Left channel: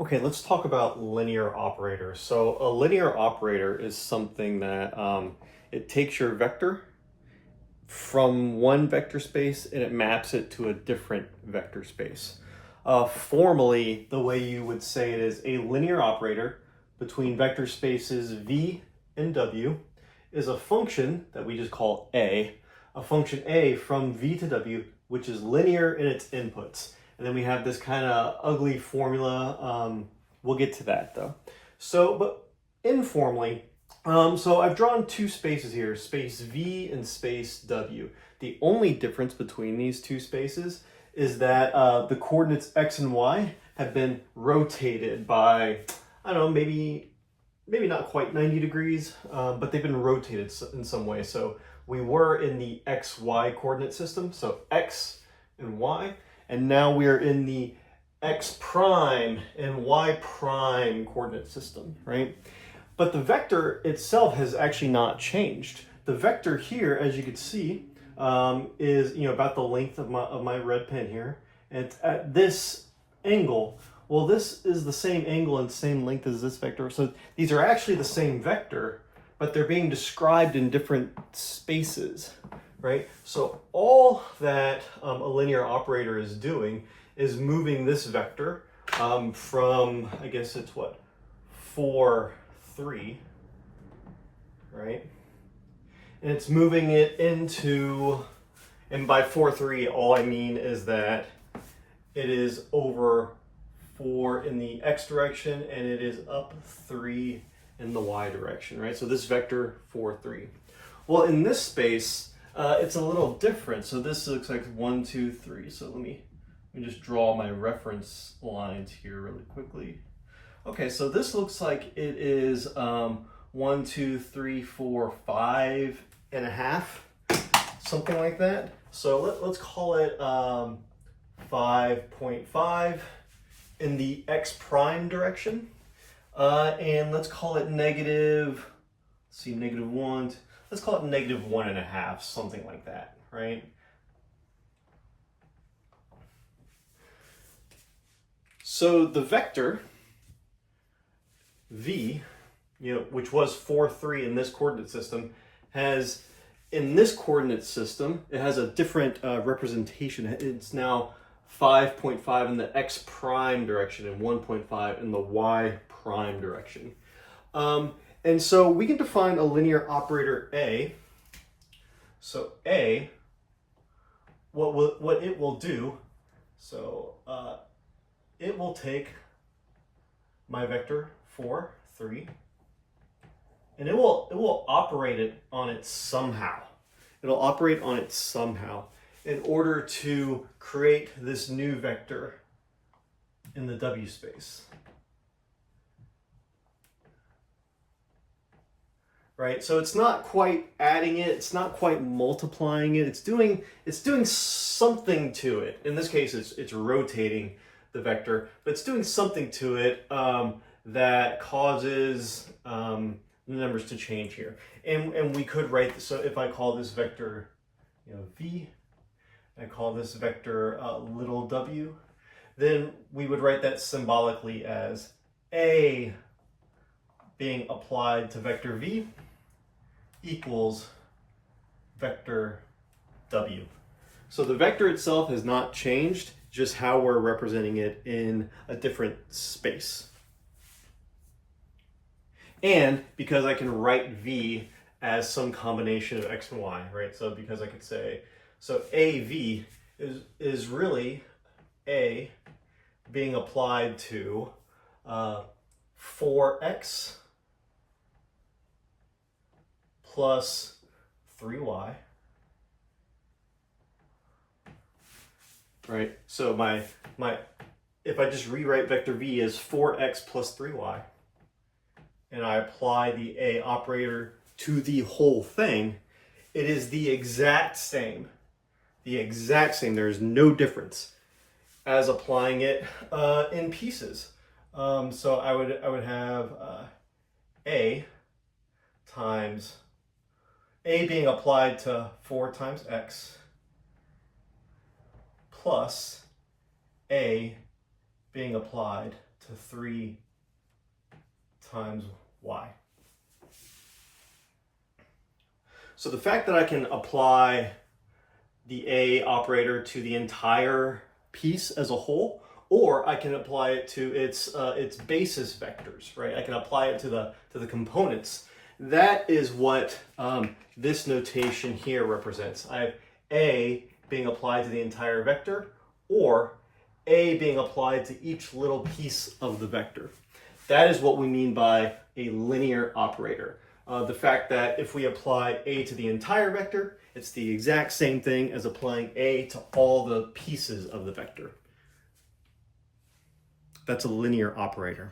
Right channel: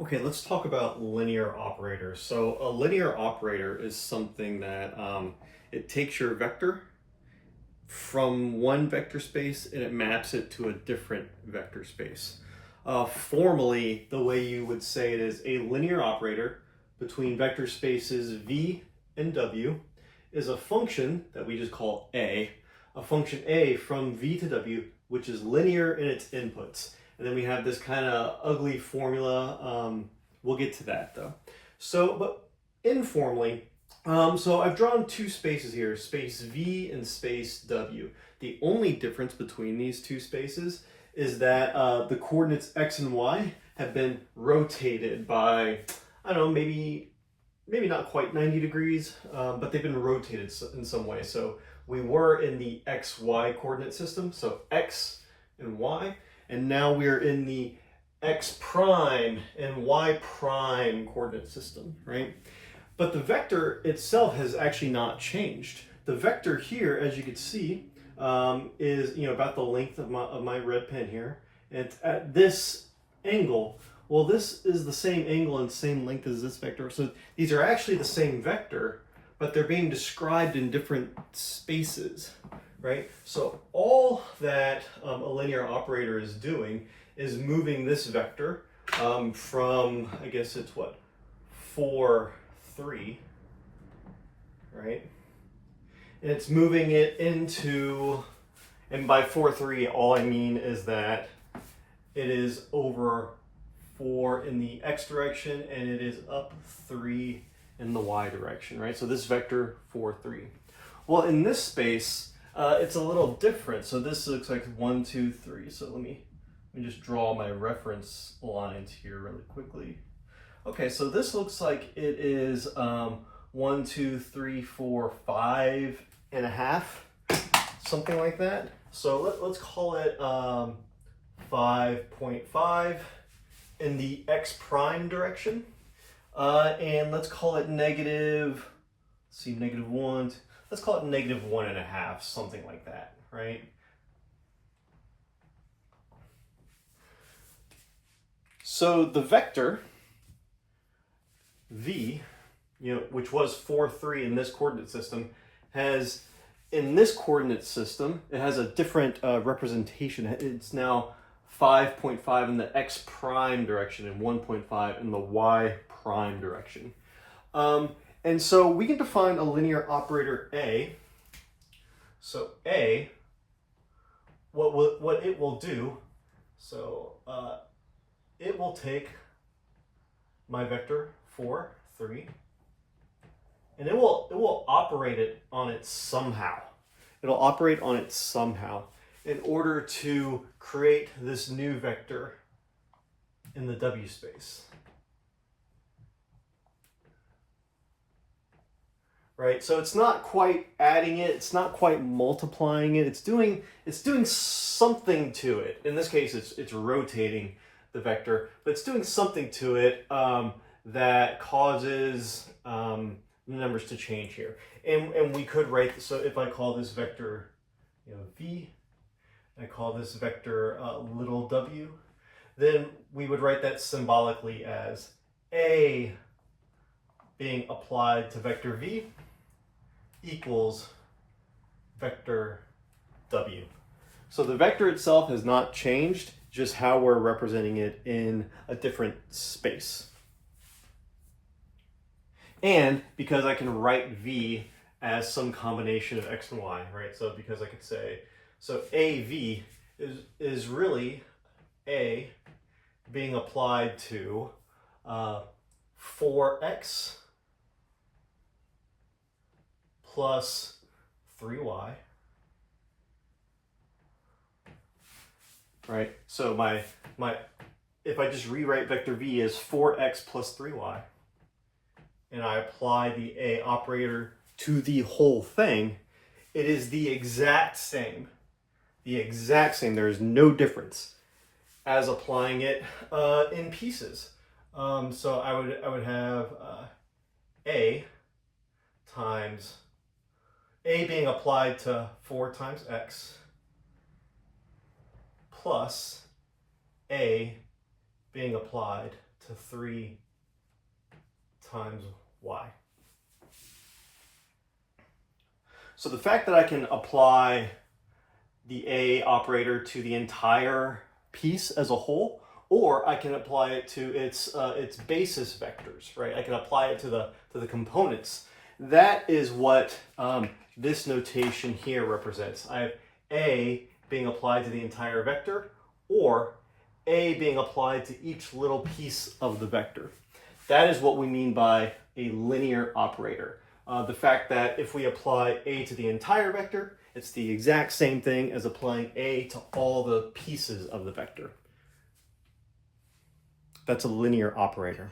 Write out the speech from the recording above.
Okay, let's talk about linear operators. So a linear operator is something that it takes your vector from one vector space and it maps it to a different vector space. Formally, the way you would say it is a linear operator between vector spaces v and w is a function that we just call a function a from v to w, which is linear in its inputs. And then we have this kind of ugly formula. We'll get to that though. But informally, so I've drawn two spaces here, space V and space W. The only difference between these two spaces is that the coordinates X and Y have been rotated by, I don't know, maybe not quite 90 degrees, but they've been rotated in some way. So we were in the XY coordinate system, so X and Y, and now we are in the X prime and Y prime coordinate system, right? But the vector itself has actually not changed. The vector here, as you can see, is about the length of my red pen here, and it's at this angle. Well, this is the same angle and same length as this vector, so these are actually the same vector, but they're being described in different spaces, right? So all that a linear operator is doing is moving this vector from, I guess it's what, 4, 3, right? And it's moving it into, and by 4, 3, all I mean is that it is over 4 in the x direction and it is up 3 in the y direction, right? So this vector 4, 3. Well, in this space, it's a little different. So this looks like 1, 2, 3. So let me just draw my reference lines here really quickly. Okay, so this looks like it is 1, 2, 3, 4, 5 and a half, something like that. So let's call it 5.5 in the x prime direction. And let's call it negative, let's see, negative 1, let's call it negative 1.5, something like that, right? So the vector v, which was 4, 3 in this coordinate system, has, in this coordinate system, it has a different representation. It's now 5.5 in the x prime direction and 1.5 in the y prime direction. And so we can define a linear operator A. So A, what it will do, so it will take my vector 4, 3, and it will operate it on it somehow. It'll operate on it somehow in order to create this new vector in the W space. Right? So it's not quite adding it, it's not quite multiplying it, it's doing something to it. In this case, it's rotating the vector, but it's doing something to it that causes the numbers to change here. And we could write this, so if I call this vector v, I call this vector little w, then we would write that symbolically as a being applied to vector v equals vector w. So the vector itself has not changed, just how we're representing it in a different space. And because I can write v as some combination of x and y, right? So because I could say, so AV is really A being applied to 4x plus 3y, right? So my if I just rewrite vector v as 4x plus 3y, and I apply the A operator to the whole thing, it is the exact same. There is no difference as applying it in pieces. So I would have A times A being applied to 4 times x plus A being applied to 3 times y. So the fact that I can apply the A operator to the entire piece as a whole, or I can apply it to its basis vectors, right? I can apply it to the components. That is what this notation here represents. I have A being applied to the entire vector, or A being applied to each little piece of the vector. That is what we mean by a linear operator. The fact that if we apply A to the entire vector, it's the exact same thing as applying A to all the pieces of the vector. That's a linear operator.